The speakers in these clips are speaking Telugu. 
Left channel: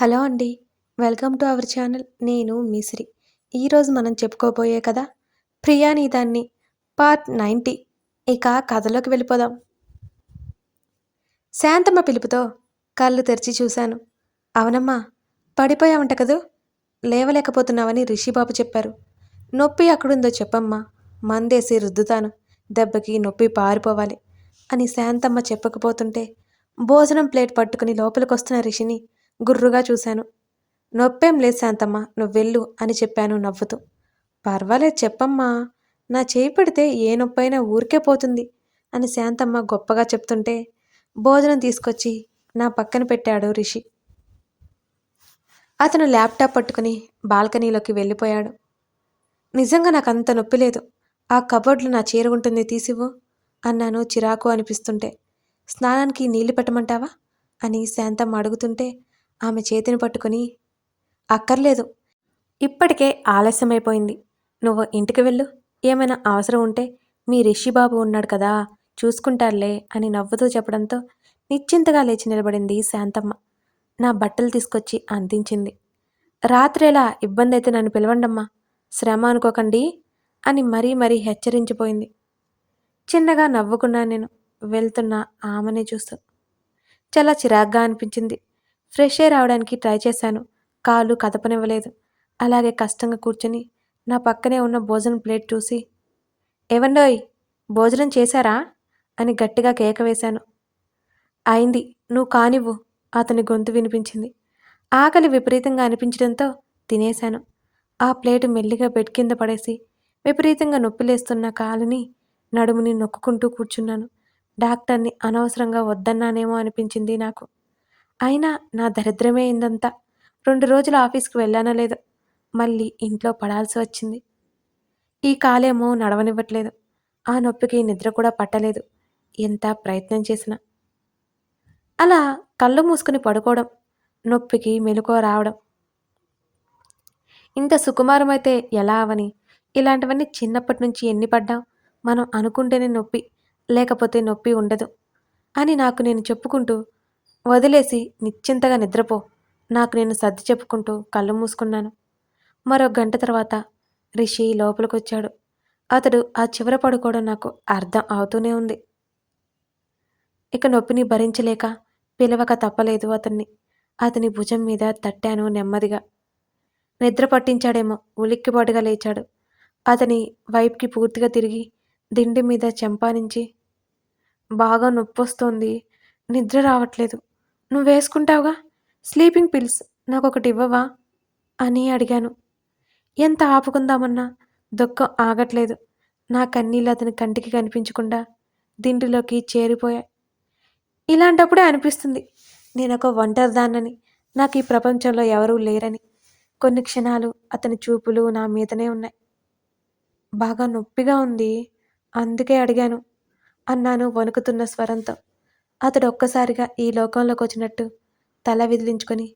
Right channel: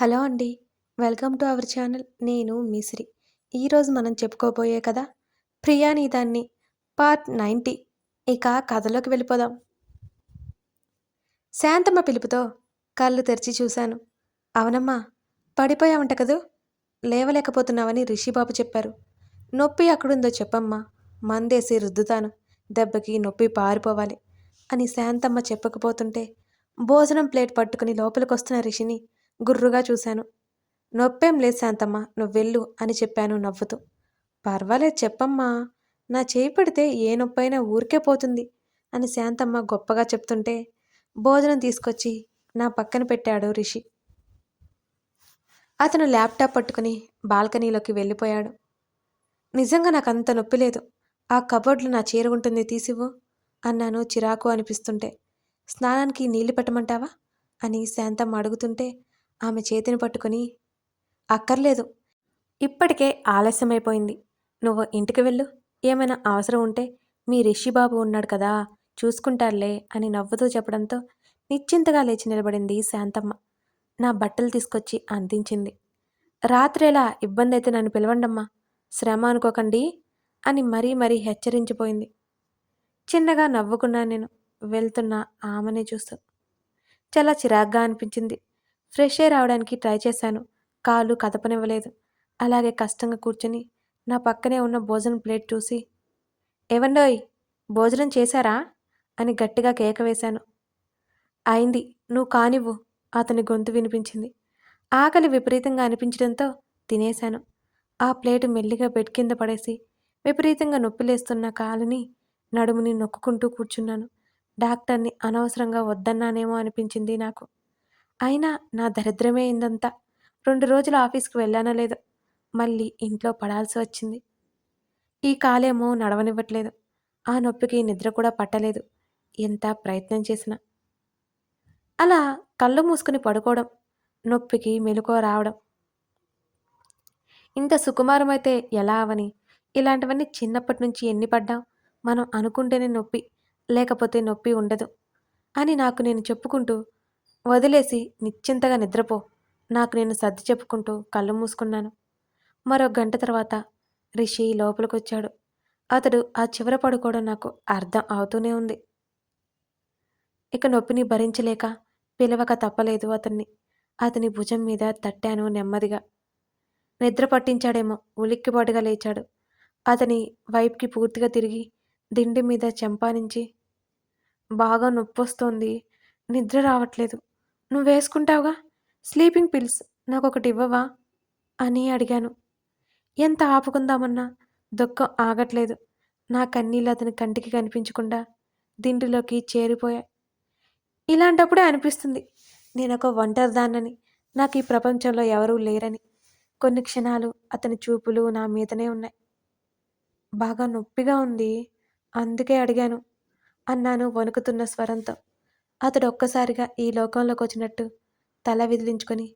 హలో అండి. Welcome to our channel. నేను మిశ్రి ఈరోజు మనం చెప్పుకోబోయే కదా ప్రియాని దాన్ని పార్ట్ నైంటీ. ఇక కథలోకి వెళ్ళిపోదాం. శాంతమ్మ పిలుపుతో కళ్ళు తెరిచి చూశాను. అవునమ్మా పడిపోయావంట కదూ? లేవలేకపోతున్నావని రిషిబాబు చెప్పారు. నొప్పి అక్కడుందో చెప్పమ్మా. మందేసి రుద్దుతాను. దెబ్బకి నొప్పి పారిపోవాలి అని శాంతమ్మ చెప్పకపోతుంటే భోజనం ప్లేట్ పట్టుకుని లోపలికొస్తున్న రిషిని గుర్రుగా చూశాను. నొప్పేం లేదు శాంతమ్మ నువ్వు వెళ్ళు అని చెప్పాను నవ్వుతూ. పర్వాలేదు చెప్పమ్మా నా చేయి పడితే ఏ నొప్పైనా ఊరికే పోతుంది అని శాంతమ్మ గొప్పగా చెప్తుంటే భోజనం తీసుకొచ్చి నా పక్కన పెట్టాడు రిషి. అతను ల్యాప్టాప్ పట్టుకుని బాల్కనీలోకి వెళ్ళిపోయాడు. నిజంగా నాకు అంత నొప్పి లేదు. ఆ కబోర్డ్లో నా చీర ఉంటుంది తీసివ్వు అన్నాను చిరాకు అనిపిస్తుంటే. స్నానానికి నీళ్ళు పెట్టమంటావా? అని శాంతమ్మ అడుగుతుంటే ఆమె చేతిని పట్టుకుని అక్కర్లేదు. ఇప్పటికే ఆలస్యమైపోయింది. నువ్వు ఇంటికి వెళ్ళు. ఏమైనా అవసరం ఉంటే మీ రిషిబాబు ఉన్నాడు కదా చూసుకుంటారులే అని నవ్వుతూ చెప్పడంతో నిశ్చింతగా లేచి నిలబడింది శాంతమ్మ. నా బట్టలు తీసుకొచ్చి అందించింది. రాత్రేలా ఇబ్బంది అయితే నన్ను పిలవండమ్మా శ్రమ అనుకోకండి అని మరీ మరీ హెచ్చరించిపోయింది. చిన్నగా నవ్వుకున్నా నేను వెళ్తున్న ఆమెనే చూస్తూ. చాలా చిరాగ్గా అనిపించింది. ఫ్రెష్ ఎయిర్ రావడానికి ట్రై చేశాను. కాలు కదపనివ్వలేదు. అలాగే కష్టంగా కూర్చొని నా పక్కనే ఉన్న భోజనం ప్లేట్ చూసి ఏవండోయ్ భోజనం చేశారా? అని గట్టిగా కేక వేశాను. అయింది. నువ్వు కానివ్వు అతని గొంతు వినిపించింది. ఆకలి విపరీతంగా అనిపించడంతో తినేశాను. ఆ ప్లేటు మెల్లిగా బెడ్ కింద పడేసి విపరీతంగా నొప్పిలేస్తున్న కాలుని నడుముని నొక్కుంటూ కూర్చున్నాను. డాక్టర్ని అనవసరంగా వద్దన్నానేమో అనిపించింది నాకు. అయినా నా దరిద్రమే ఇందంతా. రెండు రోజులు ఆఫీస్కి వెళ్ళానో లేదో మళ్ళీ ఇంట్లో పడాల్సి వచ్చింది. ఈ కాలేమో నడవనివ్వట్లేదు. ఆ నొప్పికి నిద్ర కూడా పట్టలేదు. ఎంత ప్రయత్నం చేసినా. అలా కళ్ళు మూసుకుని పడుకోవడం నొప్పికి మెలకువ రావడం. ఇంత సుకుమారమైతే ఎలా అవని? ఇలాంటివన్నీ చిన్నప్పటి నుంచి ఎన్ని పడ్డాం? మనం అనుకుంటేనే నొప్పి లేకపోతే నొప్పి ఉండదు అని నాకు నేను చెప్పుకుంటూ వదిలేసి నిశ్చింతగా నిద్రపో. నాకు నేను సర్ది చెప్పుకుంటూ కళ్ళు మూసుకున్నాను. మరో గంట తర్వాత రిషి లోపలికొచ్చాడు. అతడు ఆ చివర పడుకోవడం నాకు అర్థం అవుతూనే ఉంది. ఇక నొప్పిని భరించలేక పిలవక తప్పలేదు అతన్ని. అతని భుజం మీద తట్టాను నెమ్మదిగా. నిద్ర పట్టించాడేమో ఉలిక్కిపాటుగా లేచాడు. అతని వైపుకి పూర్తిగా తిరిగి దిండి మీద చెంపానించి బాగా నొప్పొస్తోంది. నిద్ర రావట్లేదు. నువ్వు వేసుకుంటావుగా స్లీపింగ్ పిల్స్ నాకు ఒకటి ఇవ్వవా? అని అడిగాను. ఎంత ఆపుకుందామన్నా దుఃఖం ఆగట్లేదు. నా కన్నీళ్ళు అతని కంటికి కనిపించకుండా దిండిలోకి చేరిపోయాయి. ఇలాంటప్పుడే అనిపిస్తుంది. నేను ఒక ఒంటరిదాన్నని. నాకు ఈ ప్రపంచంలో ఎవరూ లేరని. కొన్ని క్షణాలు అతని చూపులు నా మీదనే ఉన్నాయి. బాగా నొప్పిగా ఉంది. అందుకే అడిగాను. అన్నాను వణుకుతున్న స్వరంతో. అతడు ఒక్కసారిగా ఈ లోకంలోకి వచ్చినట్టు తల విదిలించుకొని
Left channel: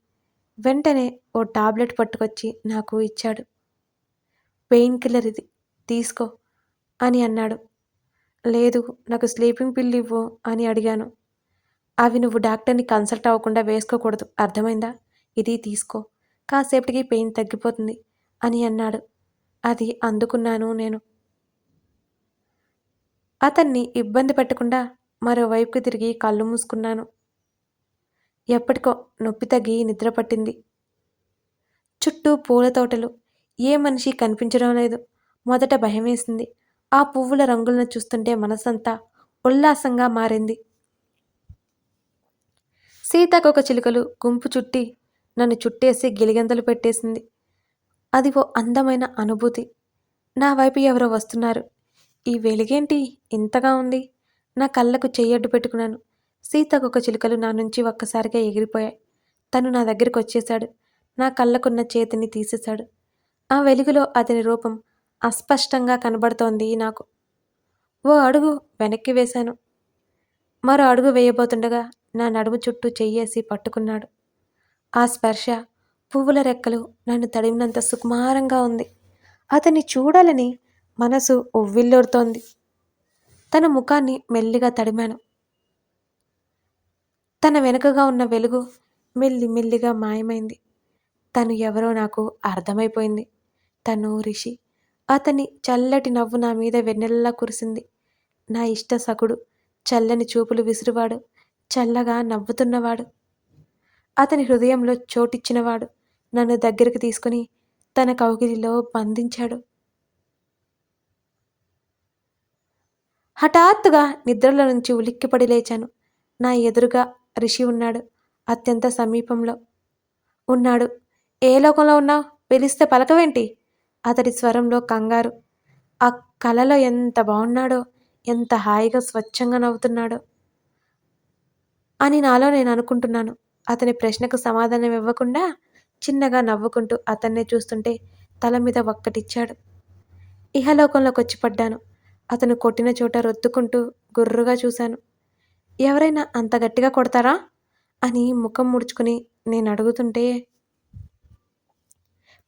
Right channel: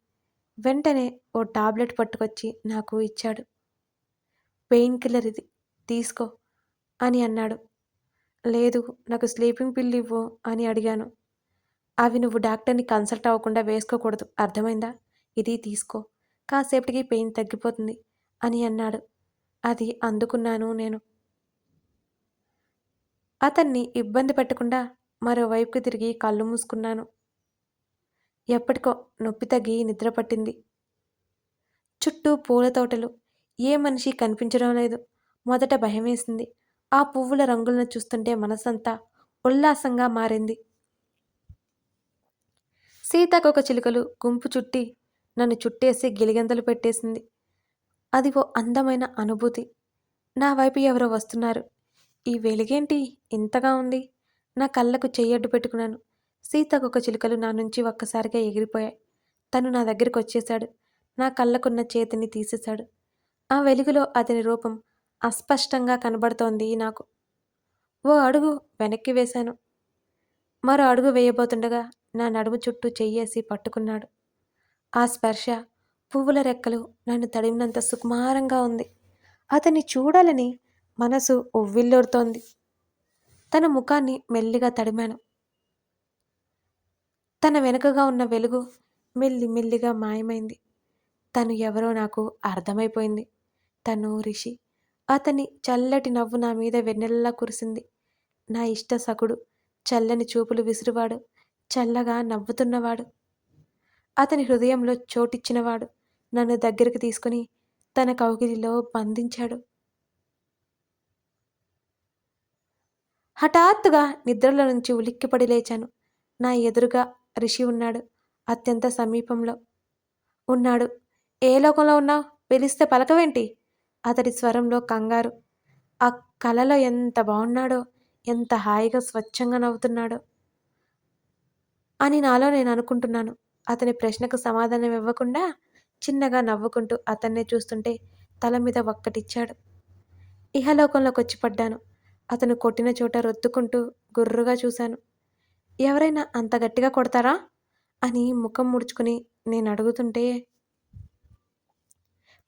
వెంటనే ఓ టాబ్లెట్ పట్టుకొచ్చి నాకు ఇచ్చాడు. పెయిన్ కిల్లర్ ఇది తీసుకో అని అన్నాడు. లేదు నాకు స్లీపింగ్ పిల్ ఇవ్వు అని అడిగాను. అవి నువ్వు డాక్టర్ని కన్సల్ట్ అవ్వకుండా వేసుకోకూడదు అర్థమైందా? ఇది తీసుకో కాసేపటికి పెయిన్ తగ్గిపోతుంది అని అన్నాడు. అది అందుకున్నాను నేను. అతన్ని ఇబ్బంది పెట్టకుండా మరోవైపుకి తిరిగి కళ్ళు మూసుకున్నాను. ఎప్పటికో నొప్పి తగ్గి నిద్ర పట్టింది. చుట్టూ పూల తోటలు. ఏ మనిషి కనిపించడం లేదు. మొదట భయమేసింది. ఆ పువ్వుల రంగులను చూస్తుంటే మనసంతా ఉల్లాసంగా మారింది. సీతాకొక చిలుకలు గుంపు చుట్టి నన్ను చుట్టేసి గిలిగంతలు పెట్టేసింది. అది ఓ అందమైన అనుభూతి. నా వైపు ఎవరో వస్తున్నారు. ఈ వెలుగేంటి? ఇంతగా ఉంది. నా కళ్ళకు చెయ్యడ్డు పెట్టుకున్నాను. సీతకొక చిలుకలు నా నుంచి ఒక్కసారిగా ఎగిరిపోయాయి. తను నా దగ్గరికి వచ్చేశాడు. నా కళ్ళకున్న చేతిని తీసేశాడు. ఆ వెలుగులో అతని రూపం అస్పష్టంగా కనబడుతోంది నాకు. ఓ అడుగు వెనక్కి వేశాను. మరో అడుగు వేయబోతుండగా నా నడుము చుట్టూ చెయ్యేసి పట్టుకున్నాడు. ఆ స్పర్శ పువ్వుల రెక్కలు నన్ను తడిమినంత సుకుమారంగా ఉంది. అతన్ని చూడాలని మనసు ఉవ్విల్లోడుతోంది. తన ముఖాన్ని మెల్లిగా తడిమాను. తన వెనుకగా ఉన్న వెలుగు మెల్లి మెల్లిగా మాయమైంది. తను ఎవరో నాకు అర్థమైపోయింది. తను రిషి. అతని చల్లటి నవ్వు నా మీద వెన్నెల్లా కురిసింది. నా ఇష్ట సకుడు చల్లని చూపులు విసురువాడు చల్లగా నవ్వుతున్నవాడు. అతని హృదయంలో చోటిచ్చినవాడు నన్ను దగ్గరికి తీసుకుని తన కౌగిలిలో బంధించాడు. హఠాత్తుగా నిద్రలో నుంచి ఉలిక్కిపడి లేచాను. నా ఎదురుగా రిషి ఉన్నాడు అత్యంత సమీపంలో ఉన్నాడు. ఏ లోకంలో ఉన్నావు పిలిస్తే పలకవేంటి? అతడి స్వరంలో కంగారు. ఆ కలలో ఎంత బాగున్నాడో ఎంత హాయిగా స్వచ్ఛంగా నవ్వుతున్నాడో అని నాలో నేను అనుకుంటున్నాను. అతని ప్రశ్నకు సమాధానం ఇవ్వకుండా చిన్నగా నవ్వుకుంటూ అతన్నే చూస్తుంటే తల మీద ఒక్కటిచ్చాడు. ఇహలోకంలోకి వచ్చి పడ్డాను. అతను కొట్టిన చోట రొత్తుకుంటూ గుర్రుగా చూశాను. ఎవరైనా అంత గట్టిగా కొడతారా? అని ముఖం ముడుచుకుని నేను అడుగుతుంటే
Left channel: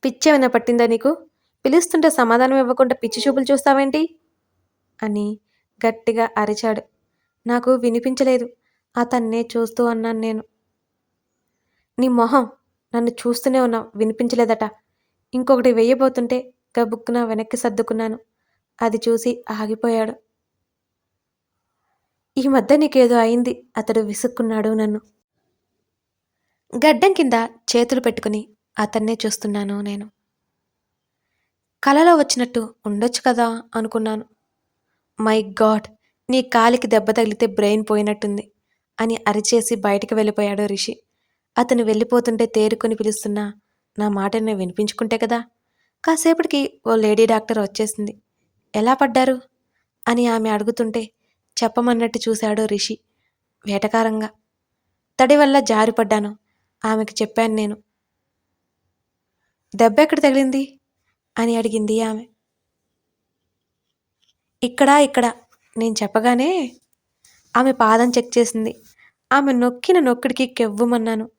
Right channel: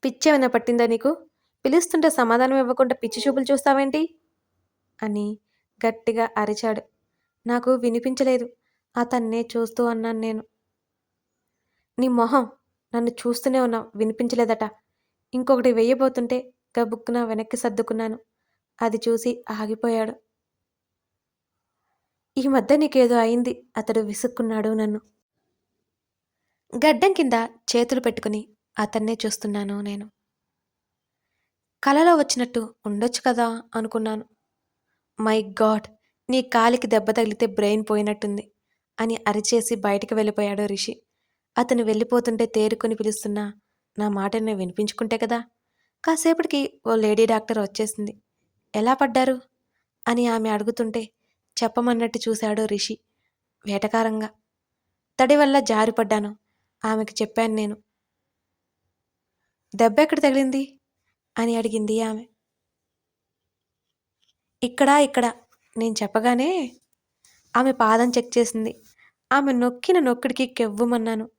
పిచ్చేమైనా పట్టిందా నీకు? పిలుస్తుంటే సమాధానం ఇవ్వకుండా పిచ్చి చూపులు చూస్తావేంటి? అని గట్టిగా అరిచాడు. నాకు వినిపించలేదు. అతన్నే చూస్తూ అన్నాను నేను. నీ మొహం నన్ను చూస్తూనే ఉన్నావు. వినిపించలేదట. ఇంకొకటి వెయ్యబోతుంటే గబుక్కున వెనక్కి సర్దుకున్నాను. అది చూసి ఆగిపోయాడు. ఈ మధ్య నీకేదో అయింది అతడు విసుక్కున్నాడు నన్ను. గడ్డం కింద చేతులు పెట్టుకుని అతన్నే చూస్తున్నాను నేను. కలలో వచ్చినట్టు ఉండొచ్చు కదా అనుకున్నాను. మై గాడ్ నీ కాలికి దెబ్బ తగిలితే బ్రెయిన్ పోయినట్టుంది అని అరిచేసి బయటికి వెళ్ళిపోయాడు రిషి. అతను వెళ్ళిపోతుంటే తేరుకొని పిలుస్తున్నా నా మాటనే వినిపించుకుంటే కదా? కాసేపటికి ఓ లేడీ డాక్టర్ వచ్చేసింది. ఎలా పడ్డారు? అని ఆమె అడుగుతుంటే చెప్పమన్నట్టు చూశాడు రిషి వేటకారంగా. తడి వల్ల జారిపడ్డాను ఆమెకు చెప్పాను నేను. దెబ్బ ఎక్కడ తగిలింది? అని అడిగింది ఆమె. ఇక్కడ ఇక్కడ నేను చెప్పగానే ఆమె పాదం చెక్ చేసింది. ఆమె నొక్కిన నొక్కిడికి కెవ్వుమన్నాను.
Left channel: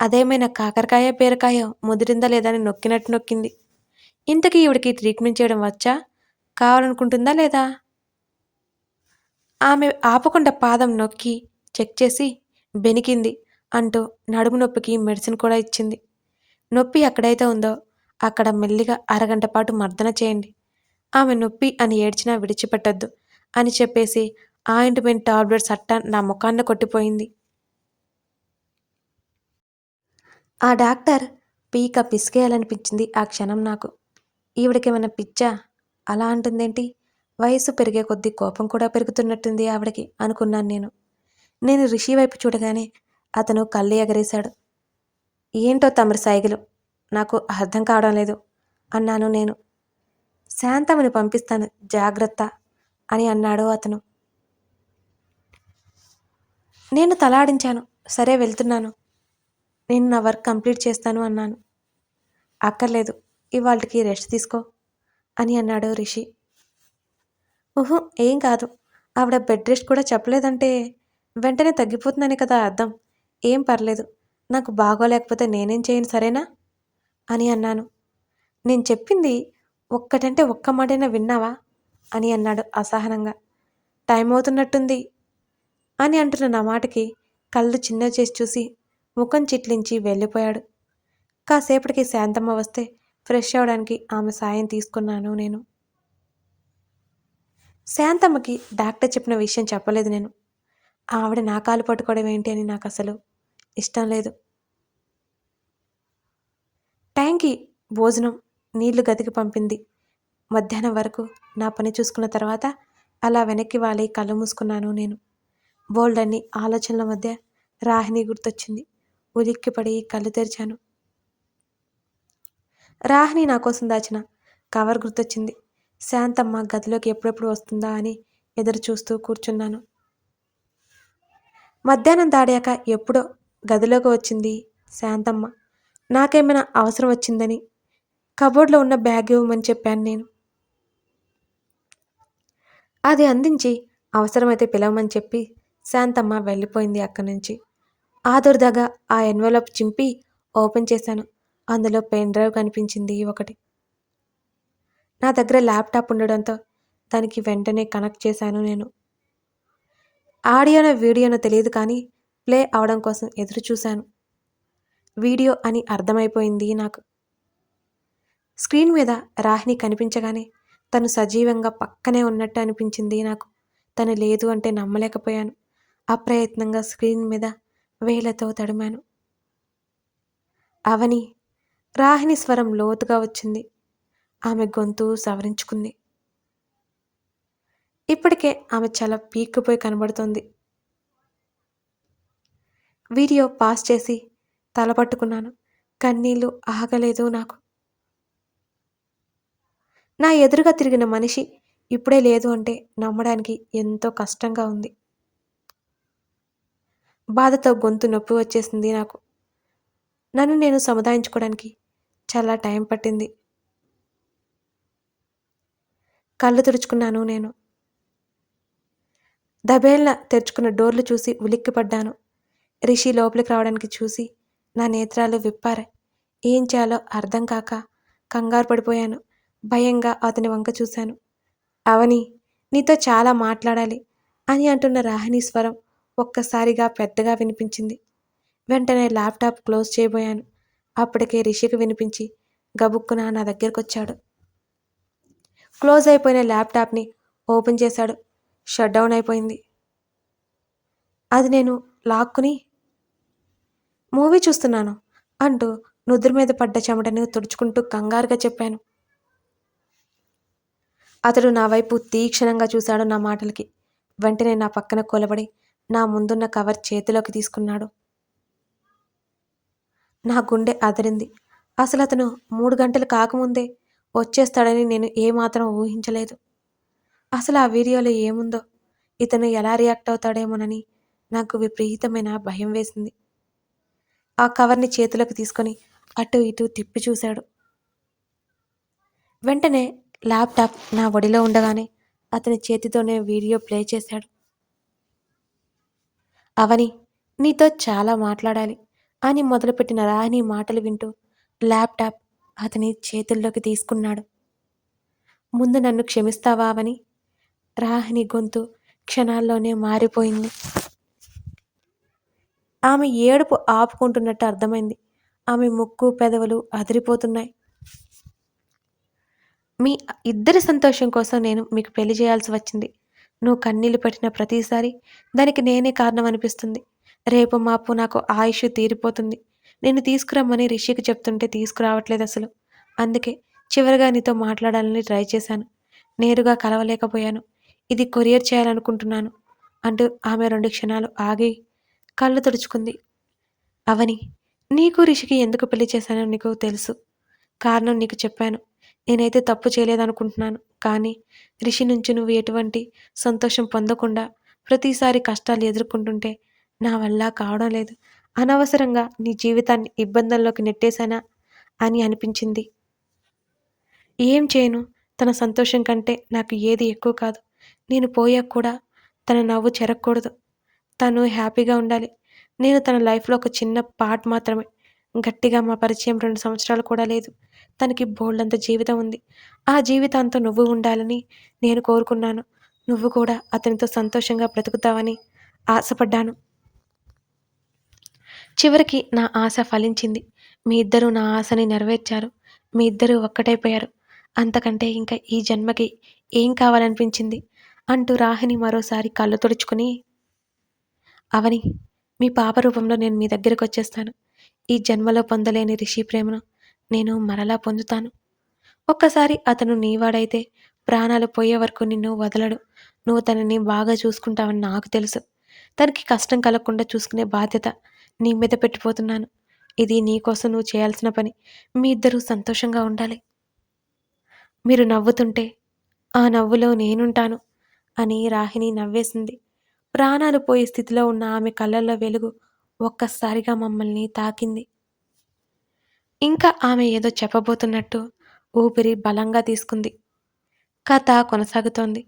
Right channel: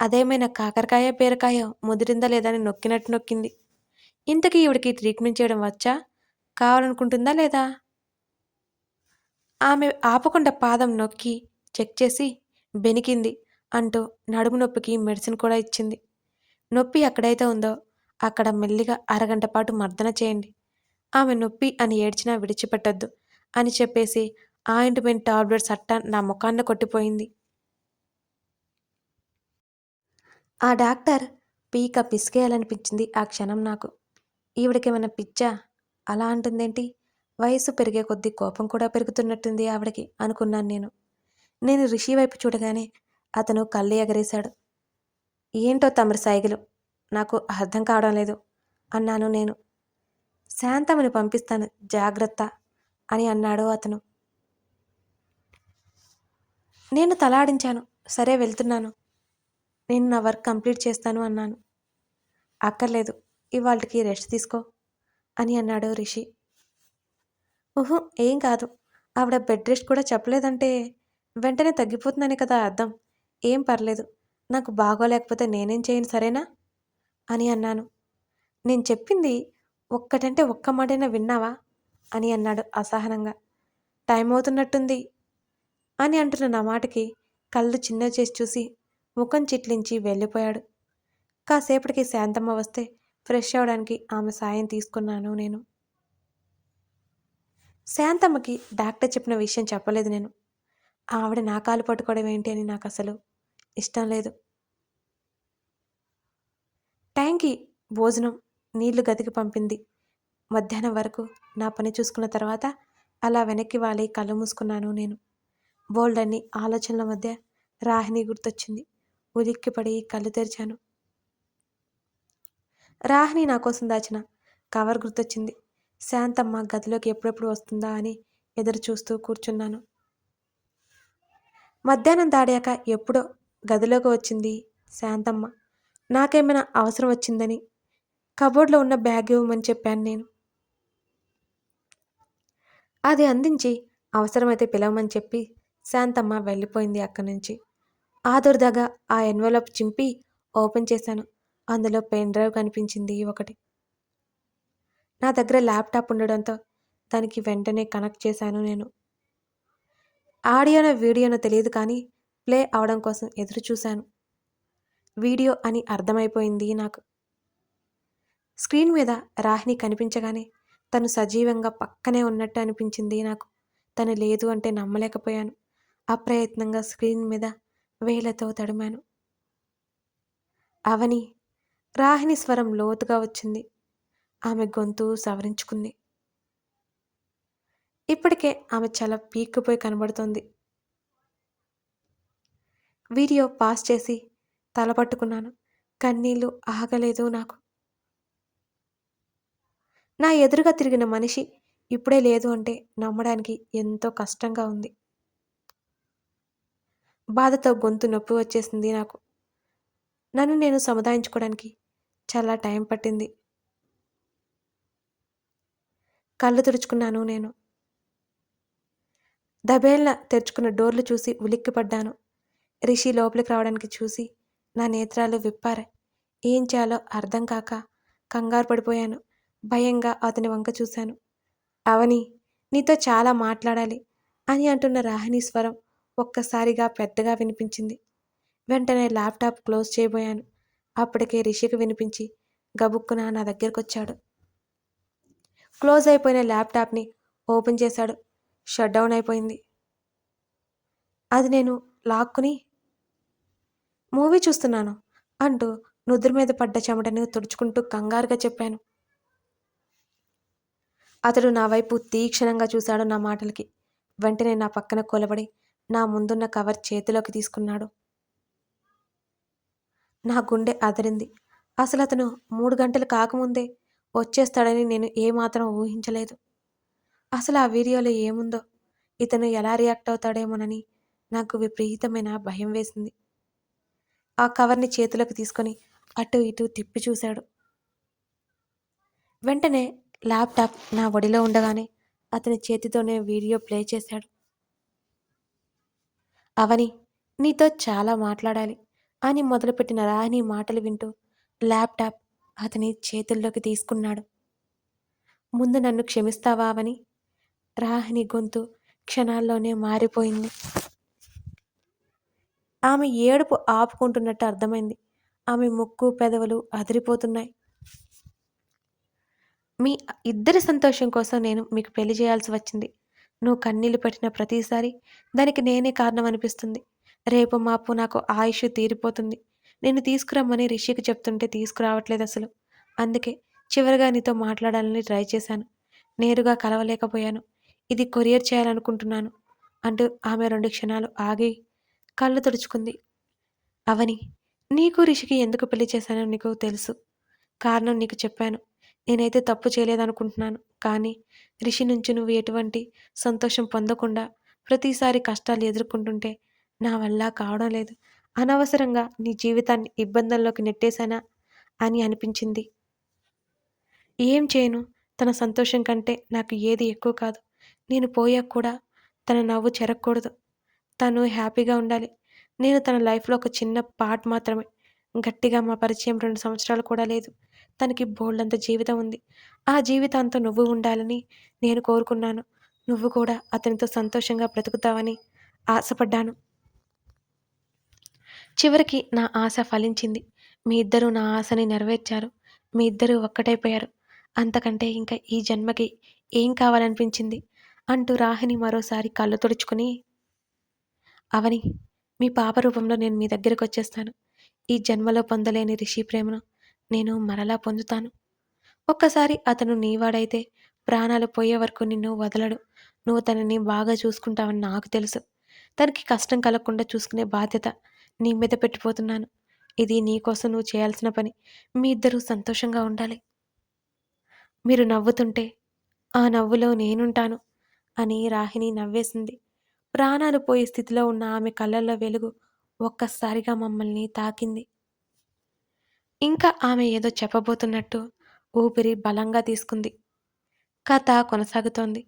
అదేమైనా కాకరకాయ బీరకాయ ముదిరిందా లేదని అని నొక్కినట్టు నొక్కింది. ఇంతకీ ఈవిడికి ట్రీట్మెంట్ చేయడం వచ్చా? కావాలనుకుంటుందా లేదా? ఆమె ఆపకుండా పాదం నొక్కి చెక్ చేసి బెనికింది అంటూ నడుము నొప్పికి మెడిసిన్ కూడా ఇచ్చింది. నొప్పి ఎక్కడైతే ఉందో అక్కడ మెల్లిగా అరగంట పాటు మర్దన చేయండి. ఆమె నొప్పి అని ఏడ్చినా విడిచిపెట్టద్దు అని చెప్పేసి ఆయింట్మెంట్ టాబ్లెట్స్ అట్ట నా ముఖాన్న కొట్టిపోయింది. ఆ డాక్టర్ పీక పిసికేయాలనిపించింది ఆ క్షణం నాకు. ఈవిడకేమైనా పిచ్చా? అలా అంటుందేంటి? వయసు పెరిగే కొద్దీ కోపం కూడా పెరుగుతున్నట్టుంది ఆవిడకి అనుకున్నాను నేను. నేను రిషి వైపు చూడగానే అతను కళ్ళు ఎగరేశాడు. ఏంటో తమరి సైగలు నాకు అర్థం కావడం లేదు అన్నాను నేను. శాంతమని పంపిస్తాను జాగ్రత్త అని అన్నాడు అతను. నేను తలాడించాను సరే వెళ్తున్నాను. నేను నా వర్క్ కంప్లీట్ చేస్తాను అన్నాను. అక్కర్లేదు ఇవాళకి రెస్ట్ తీసుకో. అని అన్నాడు రిషి. ఊహు ఏం కాదు. ఆవిడ బెడ్ రెస్ట్ కూడా చెప్పలేదంటే వెంటనే తగ్గిపోతుందని కదా అర్థం. ఏం పర్లేదు. నాకు బాగోలేకపోతే నేనేం చేయను సరేనా? అని అన్నాను. నేను చెప్పింది ఒక్కటంటే ఒక్క మాటైనా విన్నావా? అని అన్నాడు అసహనంగా. టైం అవుతున్నట్టుంది అని అంటున్న నా మాటకి కళ్ళు చిన్న చేసి చూసి ముఖం చిట్లించి వెళ్ళిపోయాడు. కాసేపటికి శాంతమ్మ వస్తే ఫ్రెష్ అవడానికి ఆమె సాయం తీసుకున్నాను నేను. శాంతమ్మకి డాక్టర్ చెప్పిన విషయం చెప్పలేదు నేను. ఆవిడ నా కాలు పట్టుకోవడం ఏంటి అని నాకు అసలు ఇష్టం లేదు. టైంకి భోజనం నీళ్ళు గదికి పంపింది. మధ్యాహ్నం వరకు నా పని చూసుకున్న తర్వాత అలా వెనక్కి వాలి కళ్ళు మూసుకున్నాను నేను. బోల్డన్ని ఆలోచనల మధ్య రాహిణి గుర్తొచ్చింది. ఉలిక్కిపడి కళ్ళు తెరిచాను. రాహిణి నా కోసం దాచిన. కవర్ గుర్తొచ్చింది. శాంతమ్మ గదిలోకి ఎప్పుడెప్పుడు వస్తుందా అని ఎదురు చూస్తూ కూర్చున్నాను. మధ్యాహ్నం దాడాక ఎప్పుడో గదిలోకి వచ్చింది శాంతమ్మ. నాకేమైనా అవసరం వచ్చిందని కబోర్డ్లో ఉన్న బ్యాగ్ ఇవ్వమని చెప్పాను నేను. అది అందించి అవసరమైతే పిలవమని చెప్పి శాంతమ్మ వెళ్ళిపోయింది అక్కడి నుంచి. ఆదుర్దాగా ఆ ఎన్వలప్ చింపి ఓపెన్ చేశాను. అందులో పెన్ డ్రైవ్ కనిపించింది ఒకటి. నా దగ్గర ల్యాప్టాప్ ఉండడంతో దానికి వెంటనే కనెక్ట్ చేశాను నేను. ఆడియోనో వీడియోనో తెలియదు కానీ ప్లే అవడం కోసం ఎదురు చూశాను వీడియో అని అర్థమైపోయింది నాకు. స్క్రీన్ మీద రాహిని కనిపించగానే తను సజీవంగా పక్కనే ఉన్నట్టు అనిపించింది నాకు. తను లేదు అంటే నమ్మలేకపోయాను. అప్రయత్నంగా స్క్రీన్ మీద వేలతో తడిమాను. అవని రాహిని స్వరం లోతుగా వచ్చింది. ఆమె గొంతు సవరించుకుంది. ఇప్పటికే ఆమె చాలా పీక్కుపోయి కనబడుతోంది. వీడియో పాస్ చేసి తల పట్టుకున్నాను. కన్నీళ్ళు ఆగలేదు నాకు. నా ఎదురుగా తిరిగిన మనిషి ఇప్పుడే లేదు అంటే నమ్మడానికి ఎంతో కష్టంగా ఉంది. బాధతో గొంతు నొప్పి వచ్చేసింది నాకు. నన్ను నేను సముదాయించుకోవడానికి చాలా టైం పట్టింది. కళ్ళు తుడుచుకున్నాను నేను. దబేళ్ళ తెరుచుకున్న డోర్లు చూసి ఉలిక్కిపడ్డాను. రిషి లోపలికి రావడానికి చూసి నా నేత్రాలు విప్పారాయి ఏం చేయాలో అర్థం కాక కంగారు పడిపోయాను. భయంగా అతని వంక చూశాను. అవని నీతో చాలా మాట్లాడాలి అని అంటున్న రాహిణి స్వరం ఒక్కసారిగా పెద్దగా వినిపించింది. వెంటనే ల్యాప్టాప్ క్లోజ్ చేయబోయాను. అప్పటికే రిషికి వినిపించి గబుక్కున నా దగ్గరకు వచ్చాడు క్లోజ్ అయిపోయిన ల్యాప్టాప్ని ఓపెన్ చేశాడు. షట్ డౌన్ అయిపోయింది. అది నేను లాక్కుని మూవీ చూస్తున్నాను అంటూ నుదురు మీద పడ్డ చెమటని తుడుచుకుంటూ కంగారుగా చెప్పాను. అతడు నా వైపు తీక్షణంగా చూశాడు నా మాటలకి. వెంటనే నా పక్కన కొలబడి నా ముందున్న కవర్ చేతిలోకి తీసుకున్నాడు. నా గుండె అదిరింది. అసలు అతను మూడు గంటలు కాకముందే వచ్చేస్తాడని నేను ఏమాత్రం ఊహించలేదు. అసలు ఆ వీడియోలో ఏముందో ఇతను ఎలా రియాక్ట్ అవుతాడేమోనని నాకు విపరీతమైన భయం వేసింది. ఆ కవర్ని చేతిలోకి తీసుకొని అటు ఇటు తిప్పి చూశాడు. వెంటనే ల్యాప్టాప్ నా ఒడిలో ఉండగానే అతని చేతితోనే వీడియో ప్లే చేశాడు. అవని నీతో చాలా మాట్లాడాలి. అని మొదలుపెట్టిన రాహిని మాటలు వింటూ ల్యాప్టాప్ అతని చేతుల్లోకి తీసుకున్నాడు. ముందు నన్ను క్షమిస్తావా అని రాహిని గొంతు క్షణాల్లోనే మారిపోయింది. ఆమె ఏడుపు ఆపుకుంటున్నట్టు అర్థమైంది. ఆమె ముక్కు పెదవులు అదిరిపోతున్నాయి. మీ ఇద్దరి సంతోషం కోసం నేను మీకు పెళ్ళి చేయాల్సి వచ్చింది. నువ్వు కన్నీళ్ళు పెట్టిన ప్రతిసారి దానికి నేనే కారణం అనిపిస్తుంది రేపు మాపు నాకు ఆయుష్ తీరిపోతుంది. నేను తీసుకురమ్మని రిషికి చెప్తుంటే తీసుకురావట్లేదు అసలు. అందుకే చివరిగా నీతో మాట్లాడాలని ట్రై చేశాను. నేరుగా కలవలేకపోయాను. ఇది కొరియర్ చేయాలనుకుంటున్నాను అంటూ ఆమె రెండు క్షణాలు ఆగి కళ్ళు తుడుచుకుంది. అవని నీకు రిషికి ఎందుకు పెళ్ళి చేశానో నీకు తెలుసు. కారణం నీకు చెప్పాను. నేనైతే తప్పు చేయలేదనుకుంటున్నాను. కానీ రిషి నుంచి నువ్వు ఎటువంటి సంతోషం పొందకుండా ప్రతిసారి కష్టాలు ఎదుర్కొంటుంటే నా వల్ల కావడం లేదు. అనవసరంగా నీ జీవితాన్ని ఇబ్బందుల్లోకి నెట్టేశానా? అని అనిపించింది. ఏం చేయను? తన సంతోషం కంటే నాకు ఏది ఎక్కువ కాదు. నేను పోయాక కూడా తన నవ్వు చెరగకూడదు తను హ్యాపీగా ఉండాలి. నేను తన లైఫ్లో ఒక చిన్న పార్ట్ మాత్రమే. గట్టిగా మా పరిచయం రెండు సంవత్సరాలు కూడా లేదు. తనకి బోల్డంత జీవితం ఉంది. ఆ జీవితాంతో నువ్వు ఉండాలని నేను కోరుకున్నాను. నువ్వు కూడా అతనితో సంతోషంగా బ్రతుకుతావని ఆశపడ్డాను. చివరికి నా ఆశ ఫలించింది. మీ ఇద్దరూ నా ఆశని నెరవేర్చారు. మీ ఇద్దరూ ఒక్కటైపోయారు అంతకంటే ఇంకా ఈ జన్మకి ఏం కావాలనిపించింది? అంటూ రాహిని మరోసారి కళ్ళు తుడుచుకుని అవని మీ పాప రూపంలో నేను మీ దగ్గరకు వచ్చేస్తాను ఈ జన్మలో పొందలేని రిషి ప్రేమను నేను మరలా పొందుతాను. ఒక్కసారి అతను నీవాడైతే ప్రాణాలు పోయే వరకు నిన్ను వదలడు. నువ్వు తనని బాగా చూసుకుంటావని నాకు తెలుసు. తనకి కష్టం కలగకుండా చూసుకునే బాధ్యత నీ మీద పెట్టిపోతున్నాను. ఇది నీకోసం నువ్వు చేయాల్సిన పని. మీ ఇద్దరూ సంతోషంగా ఉండాలి. మీరు నవ్వుతుంటే ఆ నవ్వులో నేనుంటాను అని రాహిణి నవ్వేసింది. ప్రాణాలు పోయే స్థితిలో ఉన్న ఆమె కళ్ళల్లో వెలుగు ఒక్కసారిగా మమ్మల్ని తాకింది. ఇంకా ఆమె ఏదో చెప్పబోతున్నట్టు ఊపిరి బలంగా తీసుకుంది. కథ కొనసాగుతోంది.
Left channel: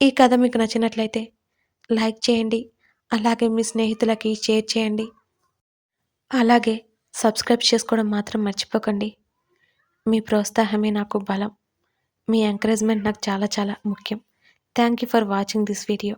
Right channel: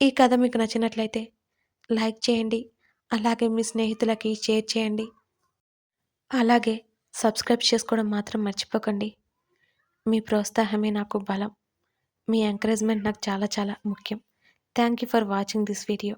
ఈ కథ మీకు నచ్చినట్లయితే లైక్ చేయండి. అలాగే మీ స్నేహితులకి షేర్ చేయండి. అలాగే సబ్స్క్రైబ్ చేసుకోవడం మాత్రం మర్చిపోకండి. మీ ప్రోత్సాహమే నాకు బలం. మీ ఎంకరేజ్మెంట్ నాకు చాలా చాలా ముఖ్యం. Thank you for watching this video.